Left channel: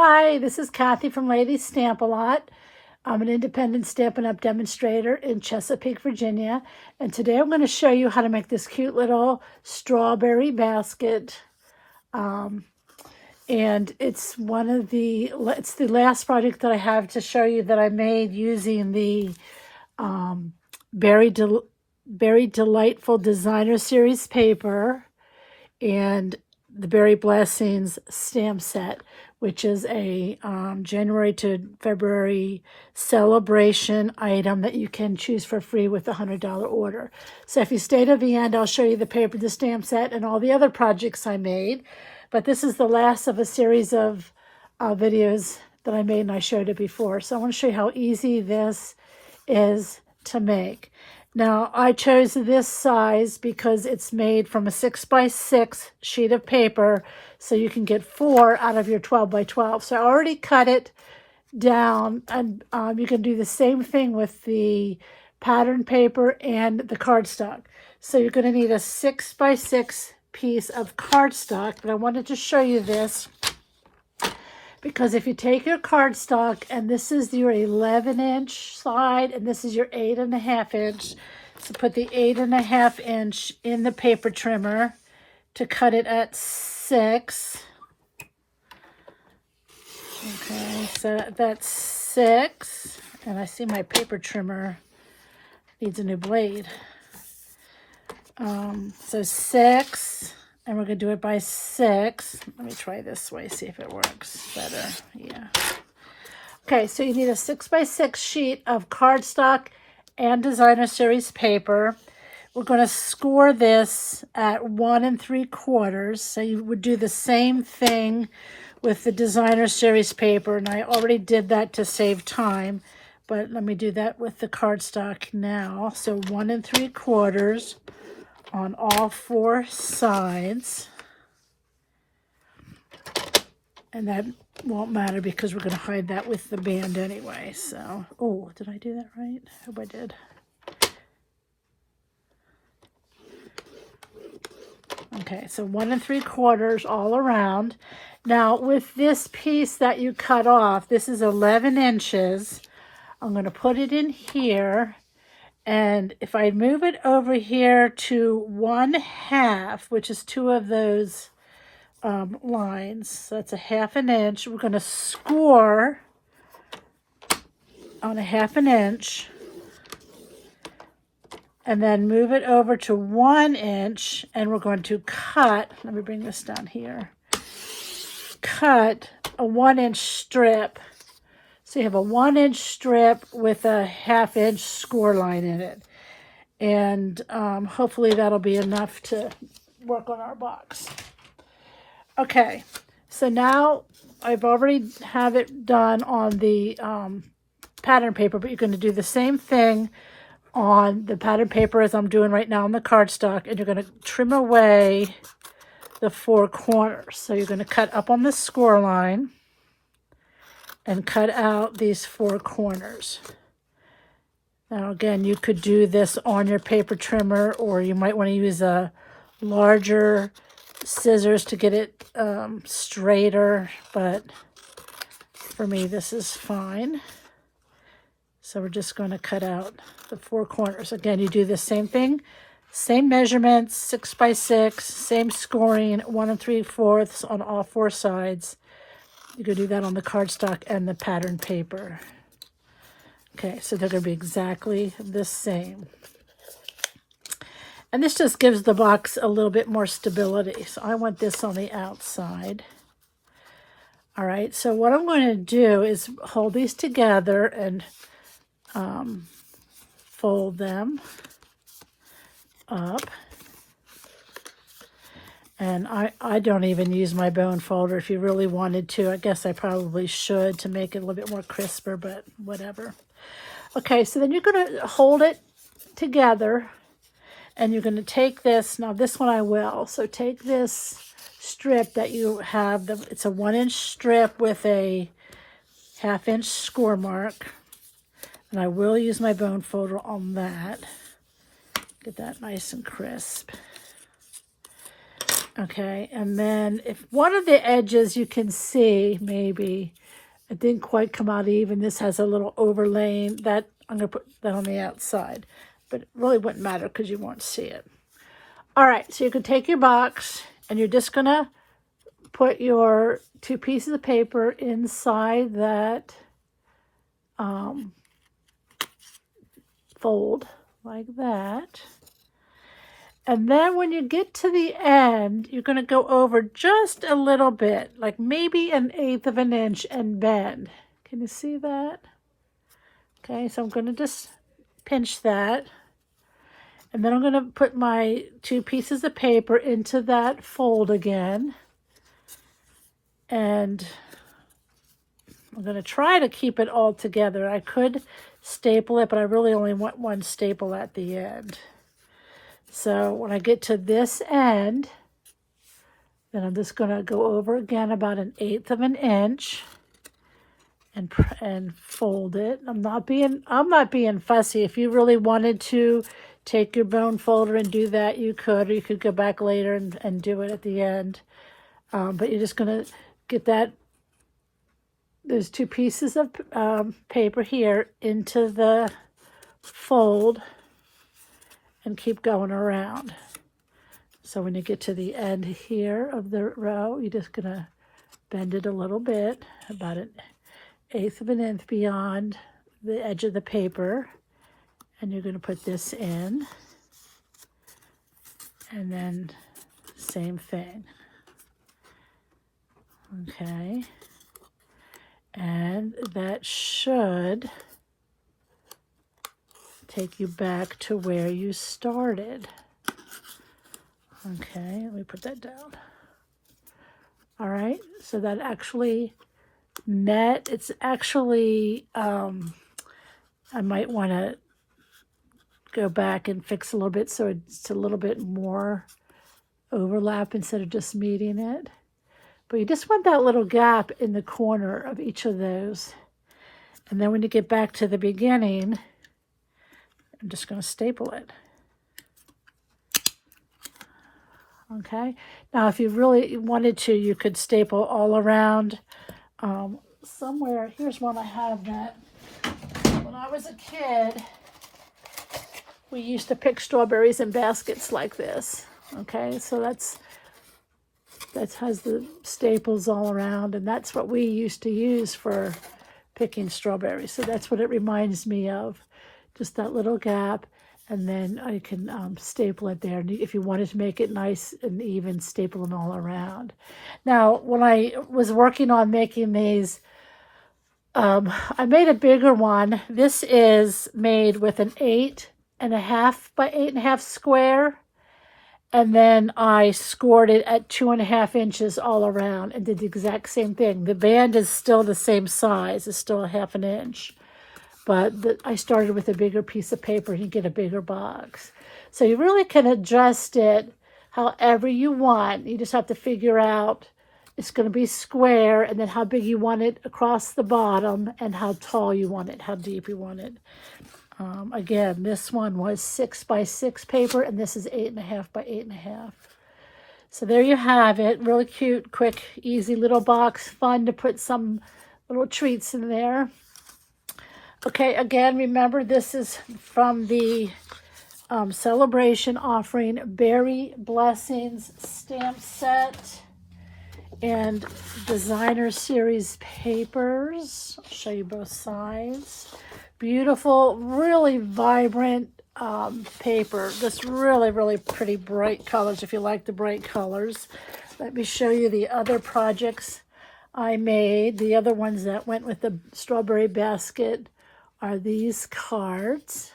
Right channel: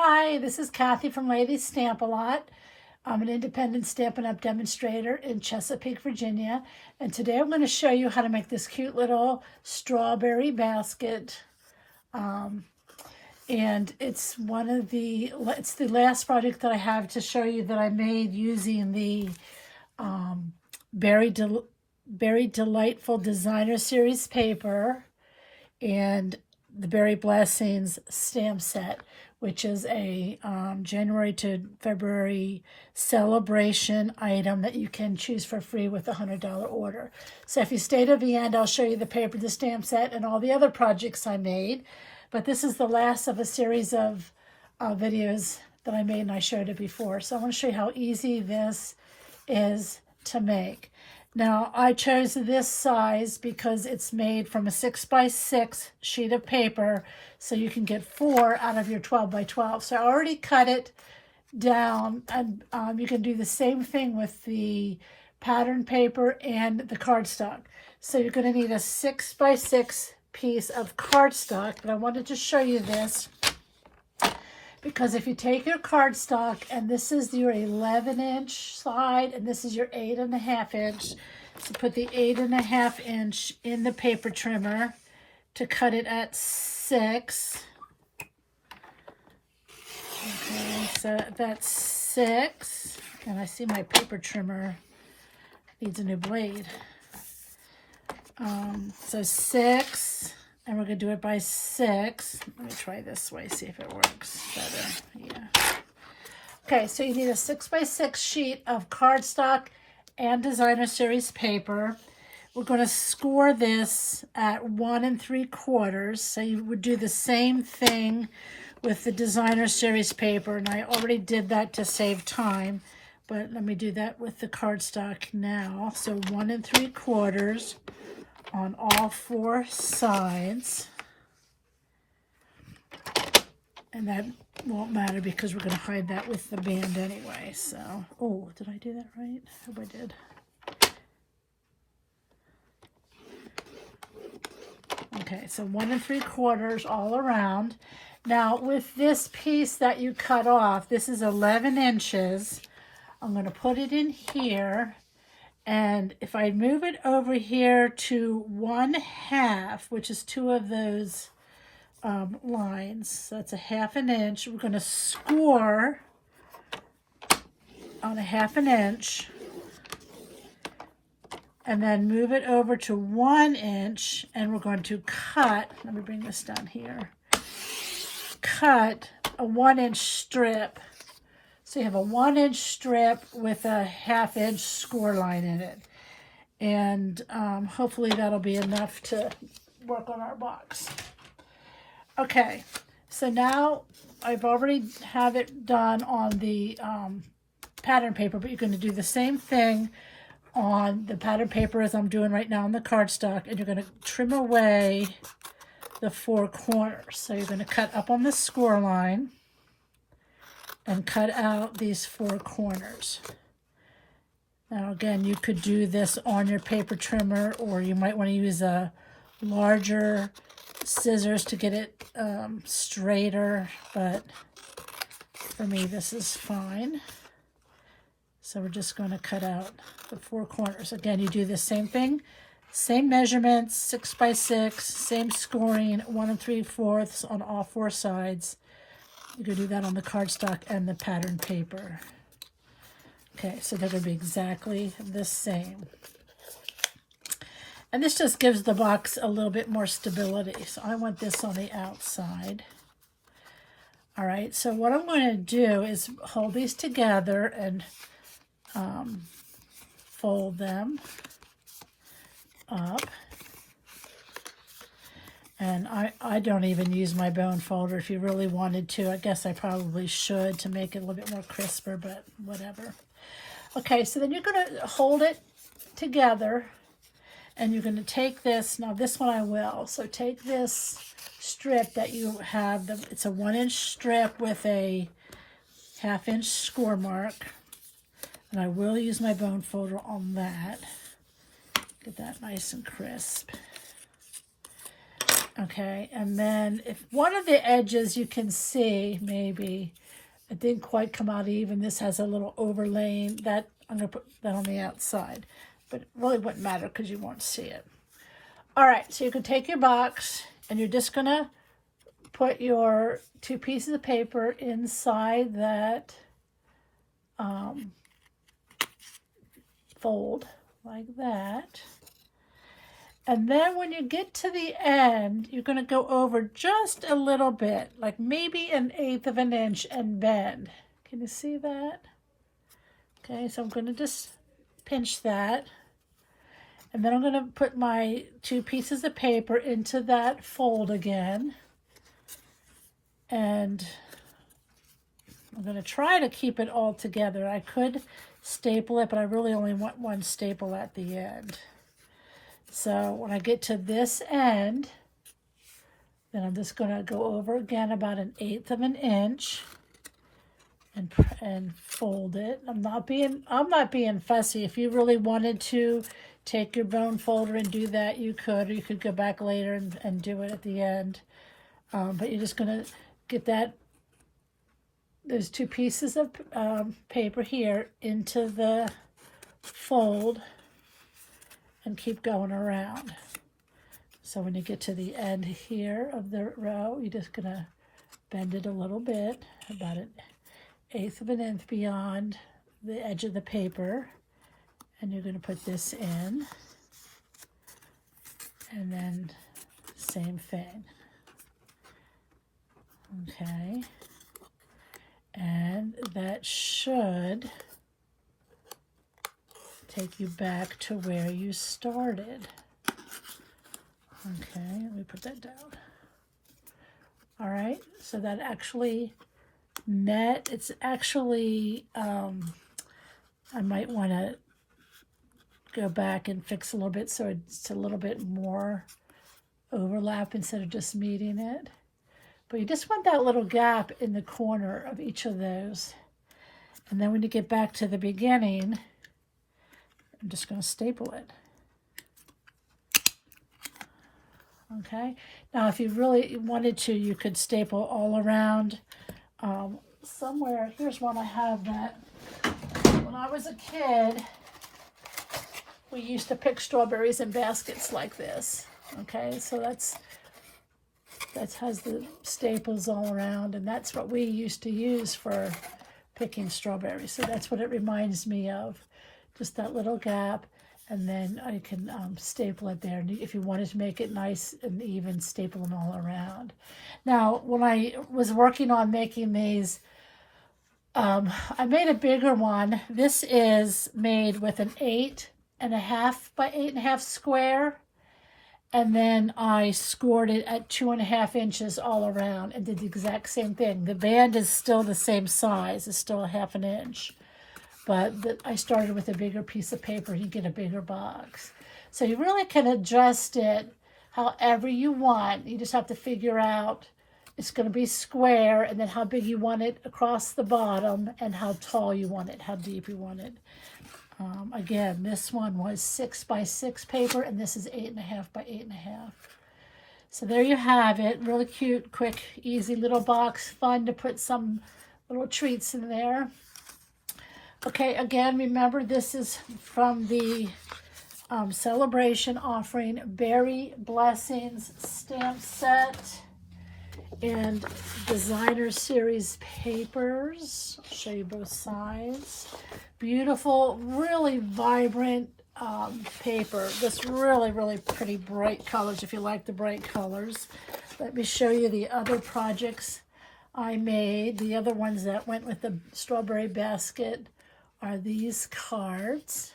Hi, this is Kathy from Ladies Stamp A Lot. I'm an independent Stampin' Up! Demonstrator in Chesapeake, Virginia. And today I'm going to show you how to make this cute little strawberry basket. And it's it's the last project that I have to show you that I made using the Berry Delightful Designer Series paper and the Berry Blessings stamp set, which is a January to February celebration item that you can choose for free with a $100 order. So if you stay to the end, I'll show you the paper, the stamp set, and all the other projects I made. But this is the last of a series of videos that I made, and I showed it before. So I want to show you how easy this is to make. Now, I chose this size because it's made from a 6x6 sheet of paper, so you can get 4 out of your 12x12. So I already cut it down, and you can do the same thing with the pattern paper and the cardstock. So you're going to need a 6x6 piece of cardstock, and I wanted to show you this because if you take your cardstock, and this is your 11-inch side, and this is your 8.5 inch, so put the 8.5 inch in the paper trimmer to cut it at 6. Okay, so that's 6, and I see my paper trimmer needs a new blade. So 6, and we're going to do it by 6. Let me try this way, see if it works better. Yeah. Okay, so you need a 6x6 sheet of cardstock and Designer Series paper. We're going to score this at 1 3/4. So you would do the same thing with the Designer Series paper, and I already did that to save time, but let me do that with the cardstock now. So 1 3/4 on all 4 sides. And that won't matter because we're going to hide that with the band anyway. So, oh, did I do that right? I hope I did. Okay, so 1 3/4 all around. Now, with this piece that you cut off, this is 11 inches. I'm going to put it in here. And if I move it over here to 1/2, which is 2 of those lines, so that's a 1/2 inch. We're going to score on a 1/2 inch. And then move it over to 1 inch, and we're going to cut, let me bring this down here, cut a 1 inch strip. So you have a 1 inch strip with a 1/2 inch score line in it. And hopefully that'll be enough to work on our box. Okay, so now I've already have it done on the pattern paper, but you're going to do the same thing on the pattern paper as I'm doing right now on the cardstock, and you're going to trim away the 4 corners. So you're going to cut up on the score line and cut out these 4 corners. Now again, you could do this on your paper trimmer, or you might want to use a larger scissors to get it straighter, but for me this is fine. So we're just going to cut out the 4 corners. Again, you do the same thing, same measurements, 6x6, same scoring, 1 3/4 on all 4 sides. You can do that on the cardstock and the pattern paper. Okay, so they're going to be exactly the same. And this just gives the box a little bit more stability. So I want this on the outside. All right, so what I'm going to do is hold these together and fold them up. And I don't even use my bone folder. If you really wanted to, I guess I probably should to make it a little bit more crisper, but whatever. Okay, so then you're going to hold it together, and you're going to take this. Now this one I will. So take this strip that you have. It's a 1 inch strip with a 1/2 inch score mark. And I will use my bone folder on that. Get that nice and crisp. Okay, and then if one of the edges you can see, maybe it didn't quite come out even, this has a little overlaying, that I'm going to put that on the outside, but it really wouldn't matter because you won't see it. All right, so you can take your box and you're just going to put your 2 pieces of paper inside that fold like that. And then when you get to the end, you're going to go over just a little bit, like maybe 1/8 of an inch, and bend. Can you see that? Okay, so I'm going to just pinch that. And then I'm going to put my 2 pieces of paper into that fold again. And I'm going to try to keep it all together. I could staple it, but I really only want one staple at the end. So when I get to this end, then I'm just going to go over again about 1/8 of an inch and fold it. I'm not being fussy. If you really wanted to take your bone folder and do that, you could. Or you could go back later and do it at the end. But you're just going to get that. There's 2 pieces of paper here into the fold and keep going around. So when you get to the end here of the row, you're just going to bend it a little bit, about 1/8 of an inch beyond the edge of the paper. And you're going to put this in. And then same thing. Okay. And that should take you back to where you started. Okay, let me put that down. All right, so that actually met. It's actually, I might want to go back and fix a little bit so it's a little bit more overlap instead of just meeting it. But you just want that little gap in the corner of each of those. And then when you get back to the beginning, I'm just going to staple it. Okay. Now, if you really wanted to, you could staple all around. Somewhere, here's one I have that when I was a kid, we used to pick strawberries in baskets like this. Okay, so that has the staples all around, and that's what we used to use for picking strawberries. So that's what it reminds me of, just that little gap, and then I can staple it there. And if you wanted to make it nice and even, staple them all around. Now, when I was working on making these, I made a bigger one. This is made with an 8.5 by 8.5 square. And then I scored it at 2.5 inches all around and did the exact same thing. The band is still the same size. It's still 1/2 inch. But I started with a bigger piece of paper. You get a bigger box. So you really can adjust it however you want. You just have to figure out it's going to be square, and then how big you want it across the bottom, and how tall you want it, how deep you want it. Again, this one was 6 by 6 paper, and this is 8.5 by 8.5. So there you have it. Really cute, quick, easy little box. Fun to put some little treats in there. Okay, again, remember this is from the celebration offering Berry Blessings stamp set and designer series papers. I'll show you both sides. Beautiful, really vibrant paper. Just really, really pretty bright colors if you like the bright colors. Let me show you the other projects I made. The other ones that went with the strawberry basket are these cards.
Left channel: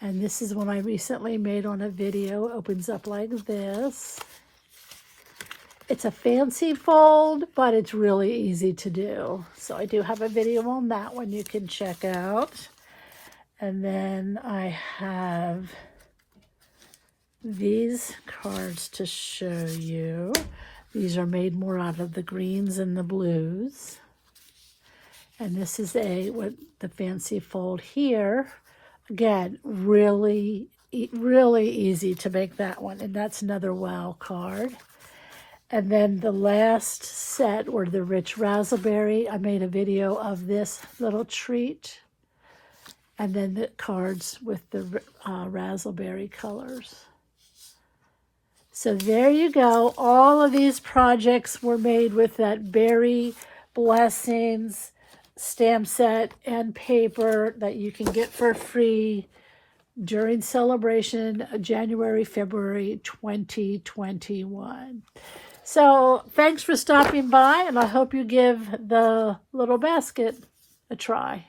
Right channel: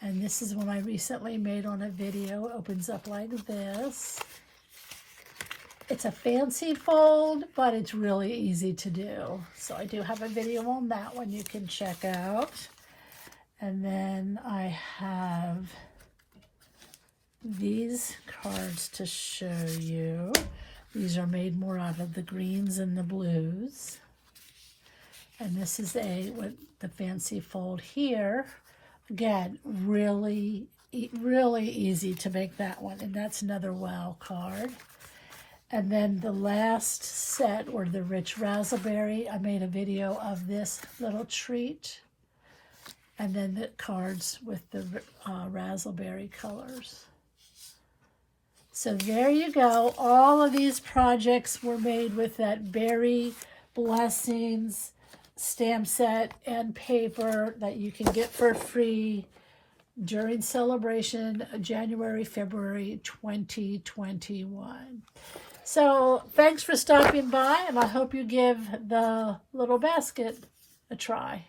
And this is one I recently made on a video. It opens up like this. It's a fancy fold, but it's really easy to do. So I do have a video on that one you can check out. And then I have these cards to show you. These are made more out of the greens and the blues. And this is what the fancy fold here. Again, really really easy to make that one. And that's another wow card. And then the last set were the rich raspberry. I made a video of this little treat. And then the cards with the raspberry colors. So there you go. All of these projects were made with that Berry Blessings stamp set and paper that you can get for free during celebration January, February 2021. So thanks for stopping by, and I hope you give the little basket a try.